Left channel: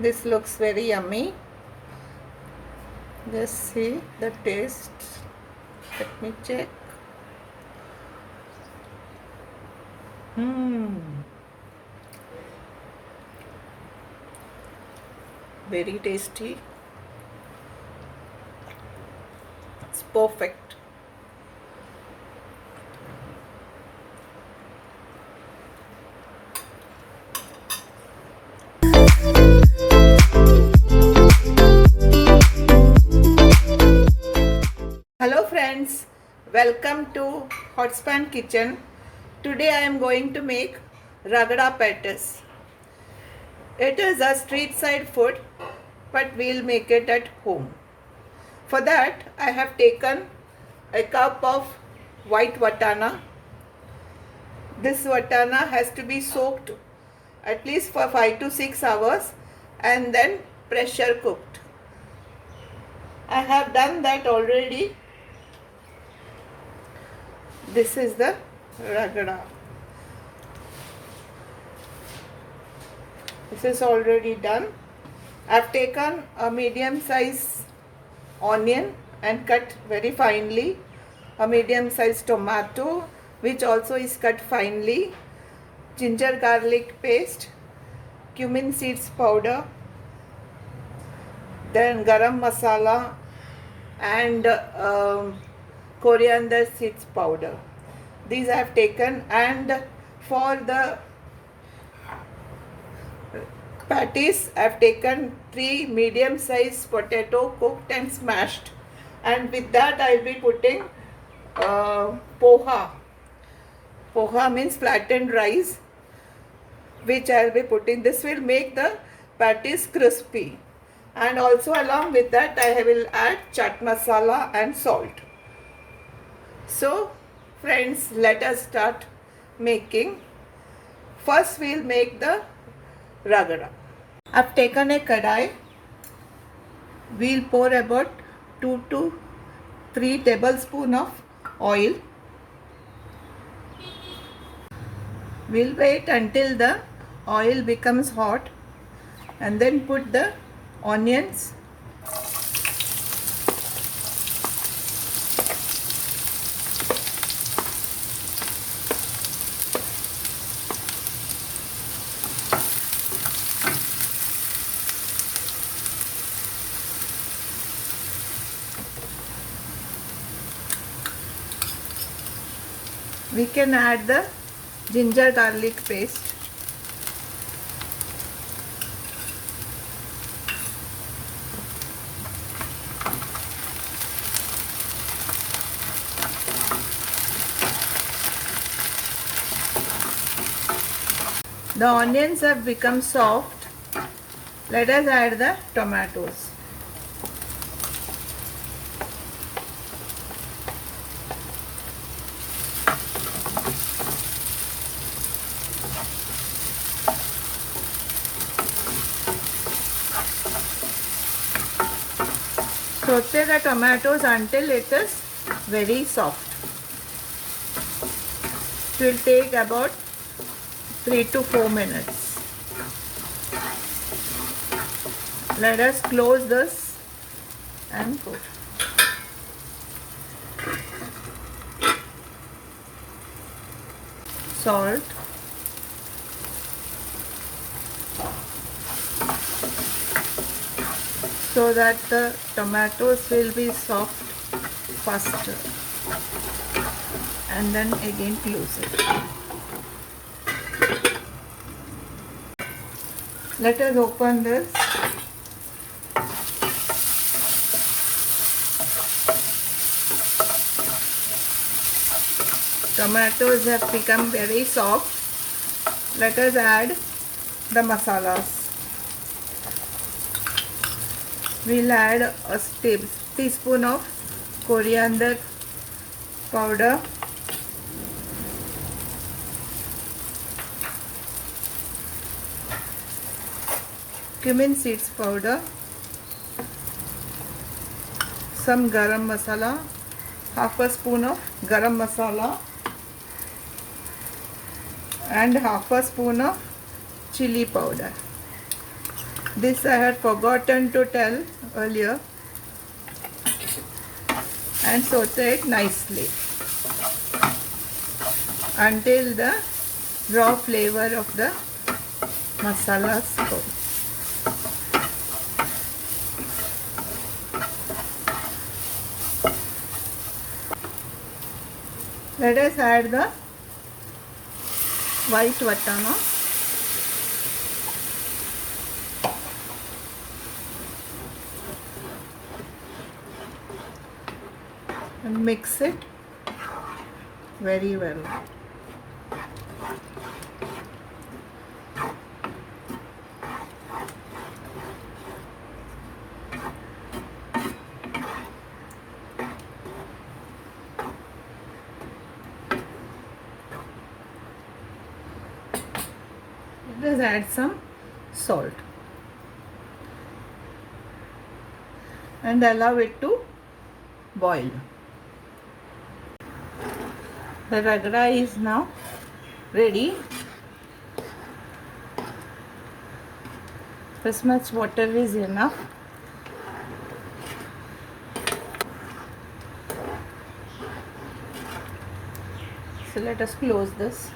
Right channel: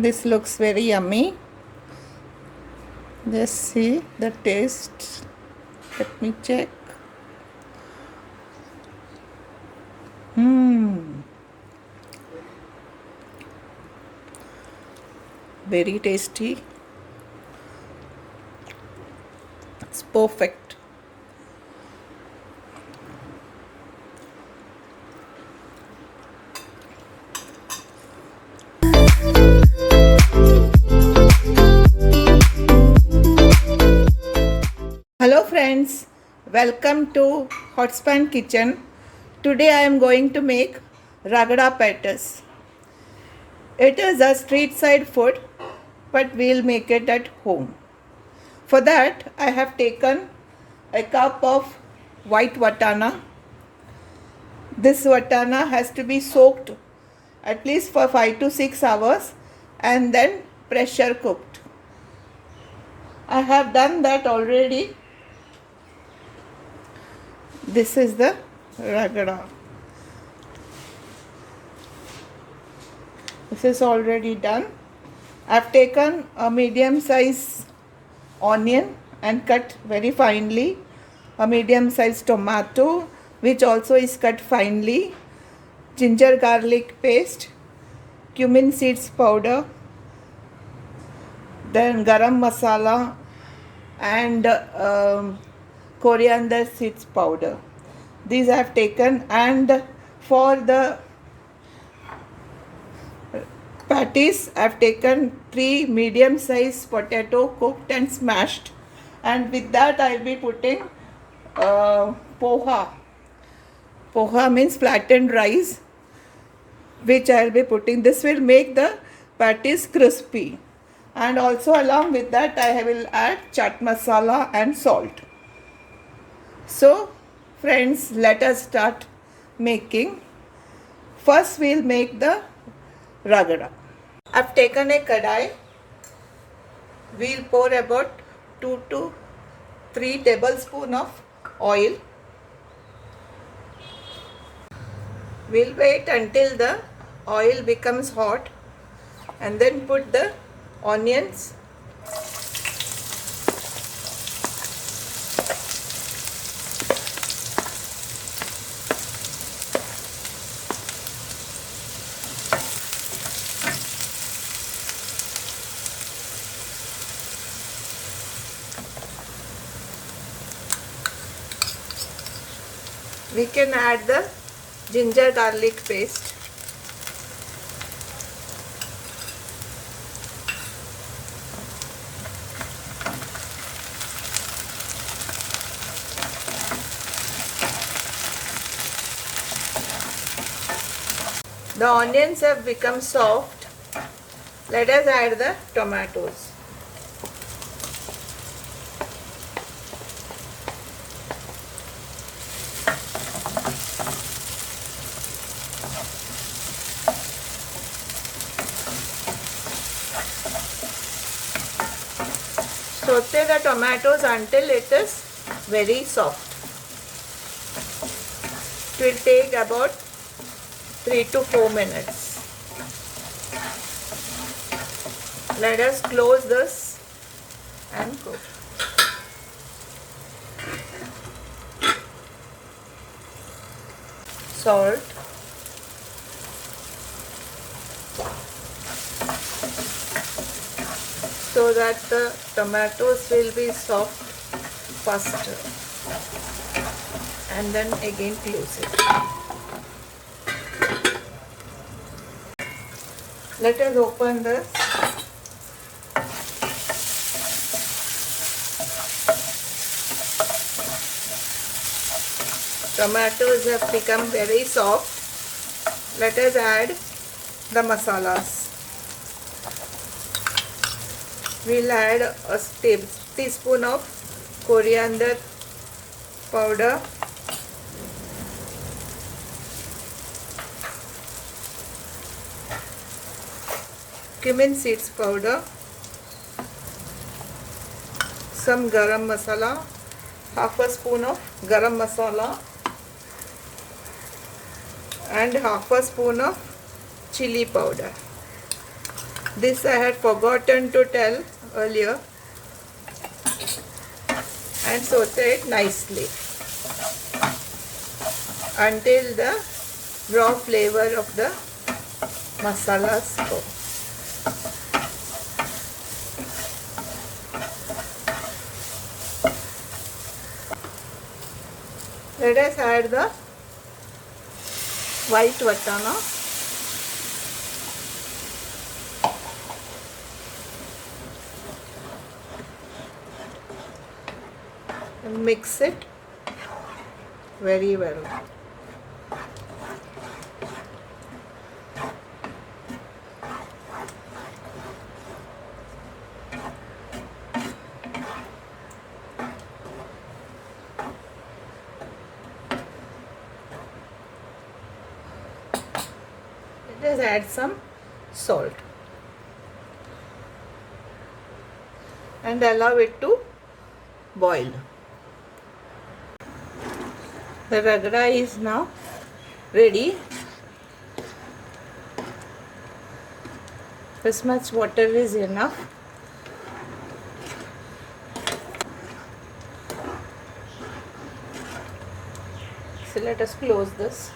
This looks very yummy. Just see the taste. Let me check. Very tasty. It's perfect. Hello friends, welcome to Hotspan Kitchen. Today I am going to make Ragda Pattice. It is a street side food, but we'll make it at home. For that I have taken a cup of white vatana. This vatana has to be soaked at least for 5 to 6 hours and then pressure cooked. I have done that already. This is the ragra. This is already done. I have taken a medium size onion and cut very finely, a medium size tomato which also is cut finely, ginger garlic paste, cummin seeds powder, then garam masala and coriander seeds powder. These I have taken, and for the patties I have taken 3 medium sized potato cooked and smashed, and with that I will be putting poha. Poha means flattened rice, which I will be putting. This will make the patties crispy, and also along with that I will add chaat masala and salt. So friends, let us start making. First we'll make the ragra. I've taken a kadai. We'll pour about 2 to 3 tablespoons of oil. We'll wait until the oil becomes hot and then put the onions, we can add the ginger garlic paste, the onions have become soft. Let us add the tomatoes. Saute the tomatoes until it is very soft. It will take about 3 to 4 minutes. Let us close this and put. Salt. So that the tomatoes will be soft faster, and then again close it. Let us open this. Tomatoes have become very soft. Let us add the masalas. We'll add a teaspoon of coriander powder, cumin seeds powder, some garam masala, half a spoon of garam masala, and half a spoon of chilli powder. This I had forgotten to tell earlier, and saute it nicely until the raw flavor of the masalas go. Let us add the white vatana. And mix it very well. Let us add some salt and allow it to boil. The ragra is now ready. This much water is enough. So let us close this.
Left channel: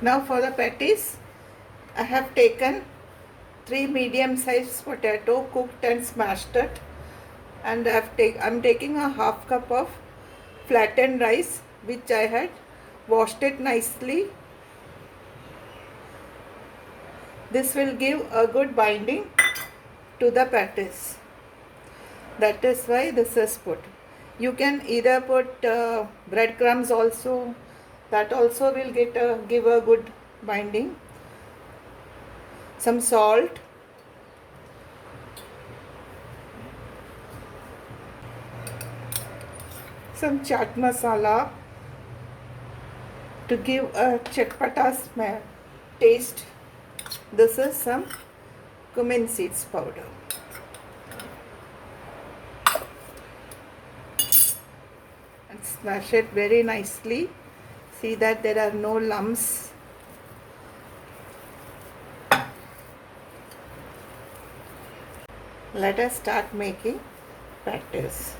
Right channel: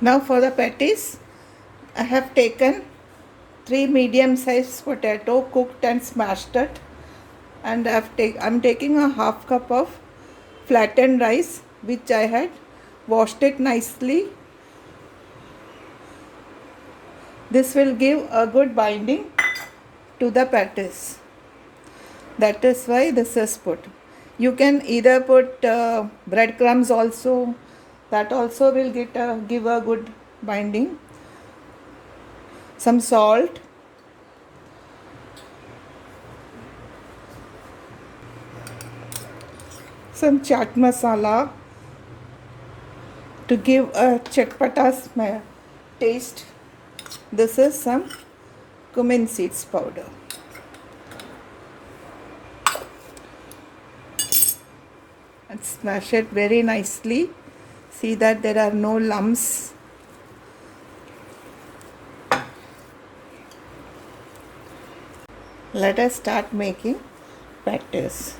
Now for the patties, I have taken 3 medium-sized potato, cooked and smashed it, and I'm taking a half cup of flattened rice which I had washed it nicely. This will give a good binding to the patties. That is why this is put. You can either put breadcrumbs also. That also will give a good binding. Some salt. Some chaat masala to give a chatpata smell taste. This is some cummin seeds powder. And smash it very nicely. See that there are no lumps. Let us start making patties.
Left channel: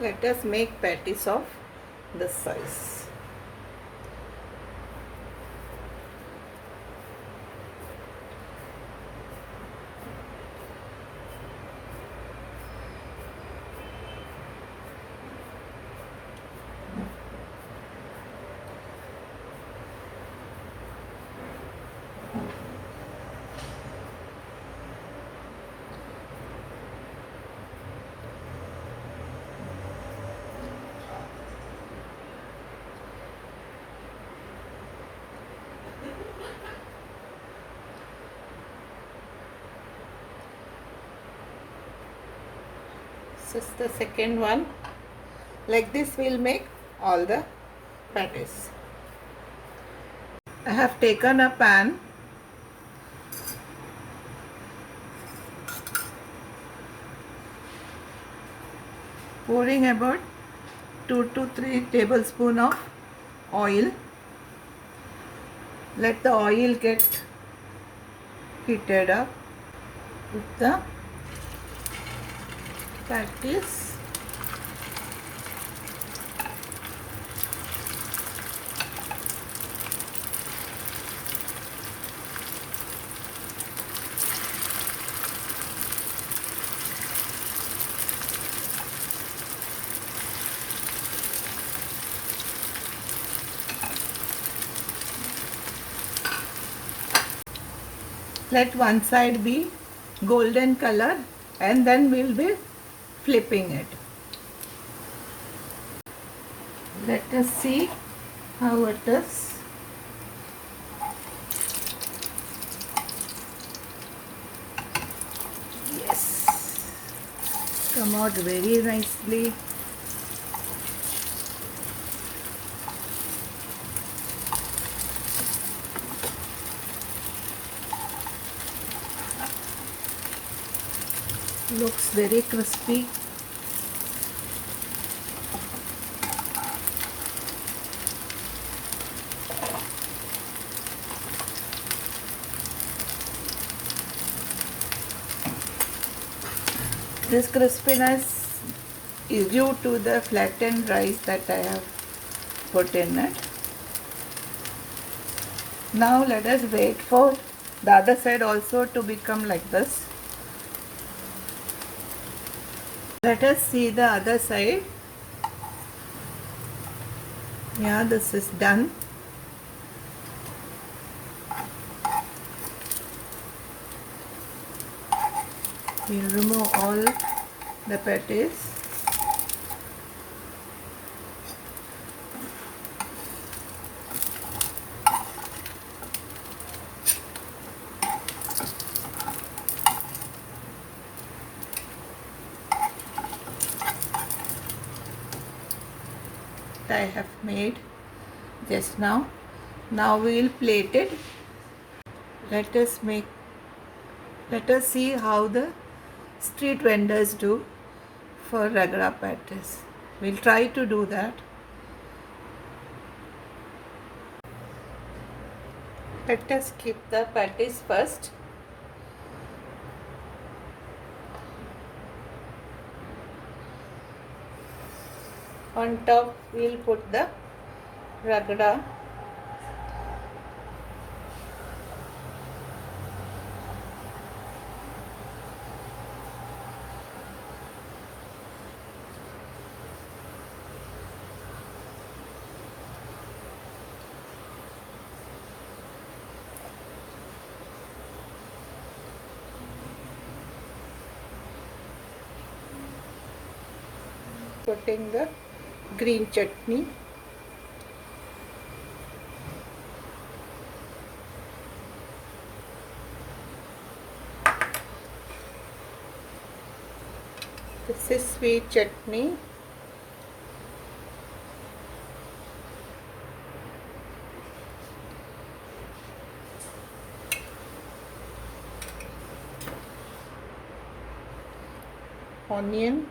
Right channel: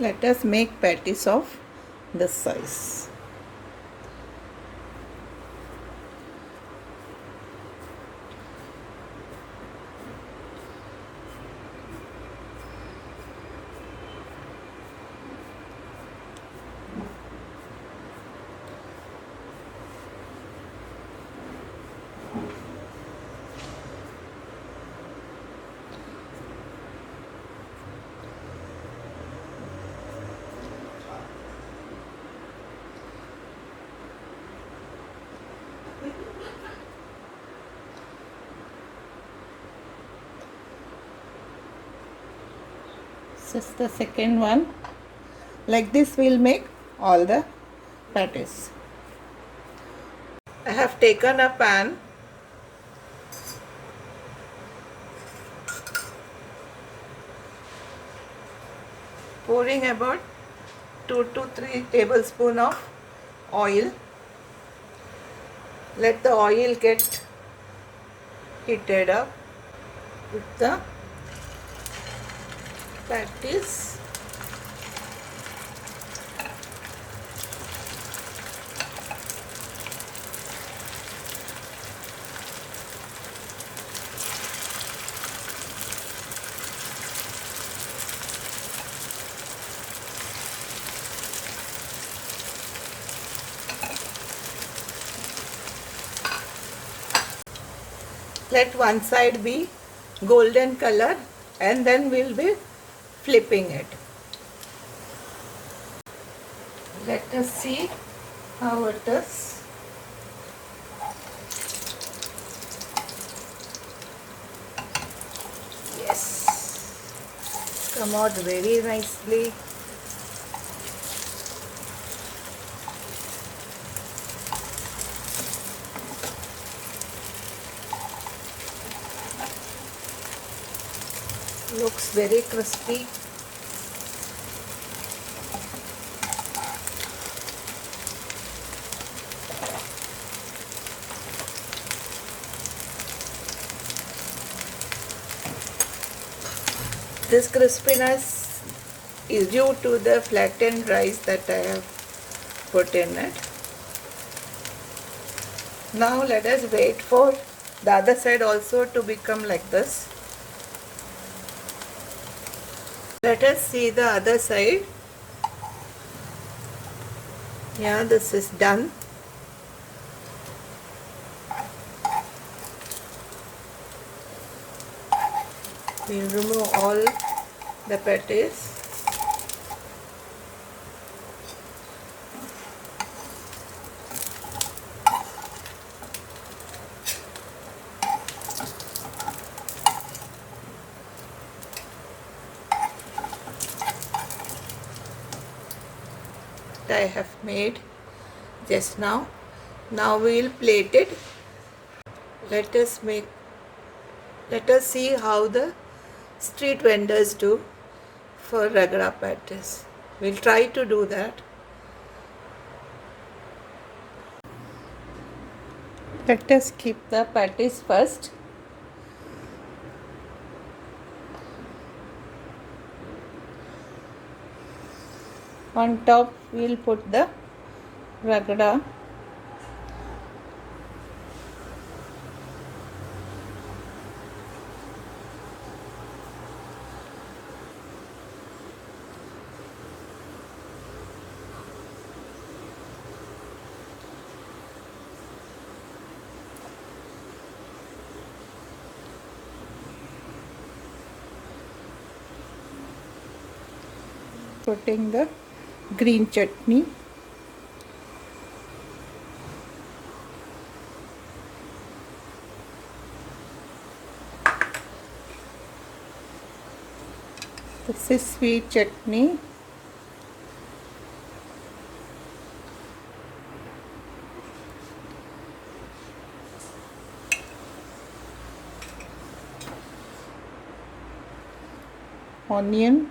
Let us make patties of this size. This is the second one. Like this we'll make all the patties. I have taken a pan. Pouring about 2 to 3 tablespoons of oil. Let the oil get heated up with the patties. Let one side be golden color and then we'll be flipping it. Let us see how it is. Yes, come out very nicely. Looks very crispy. This crispiness is due to the flattened rice that I have put in it. Now let us wait for the other side also to become like this. Let us see the other side. Yeah, this is done. We'll remove all the patties. I have made just now. Now we will plate it. Let us see how the street vendors do for Ragda Pattice. We'll try to do that. Let us keep the patties first. On top we'll put the Ragda. Putting the green chutney. This is sweet chutney. Onion.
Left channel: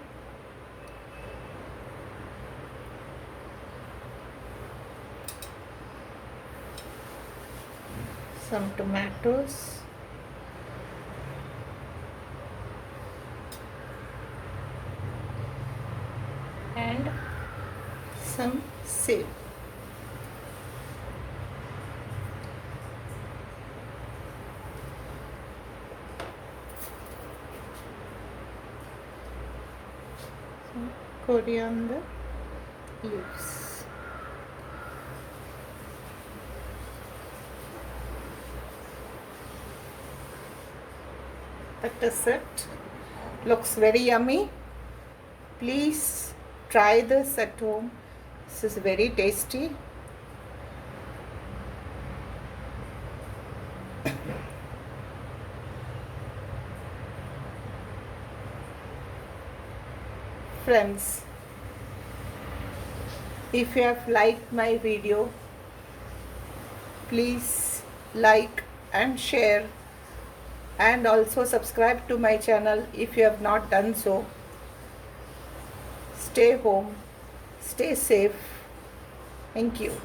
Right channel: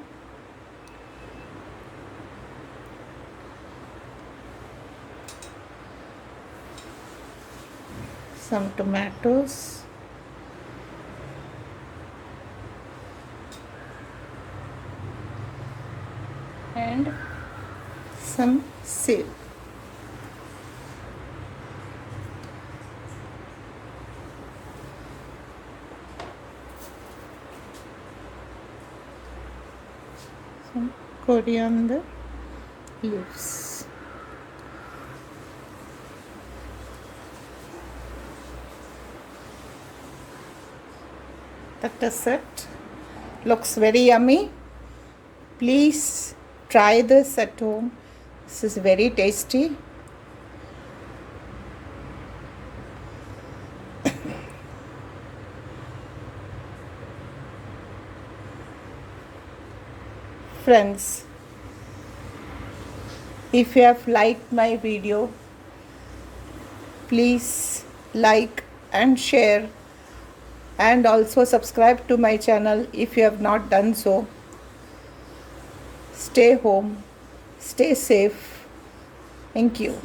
Some tomatoes. And some seed. Some coriander leaves. That is it. Looks very yummy. Please try this at home. This is very tasty. Friends, if you have liked my video, please like and share, and also subscribe to my channel if you have not done so. Stay home, stay safe. Thank you.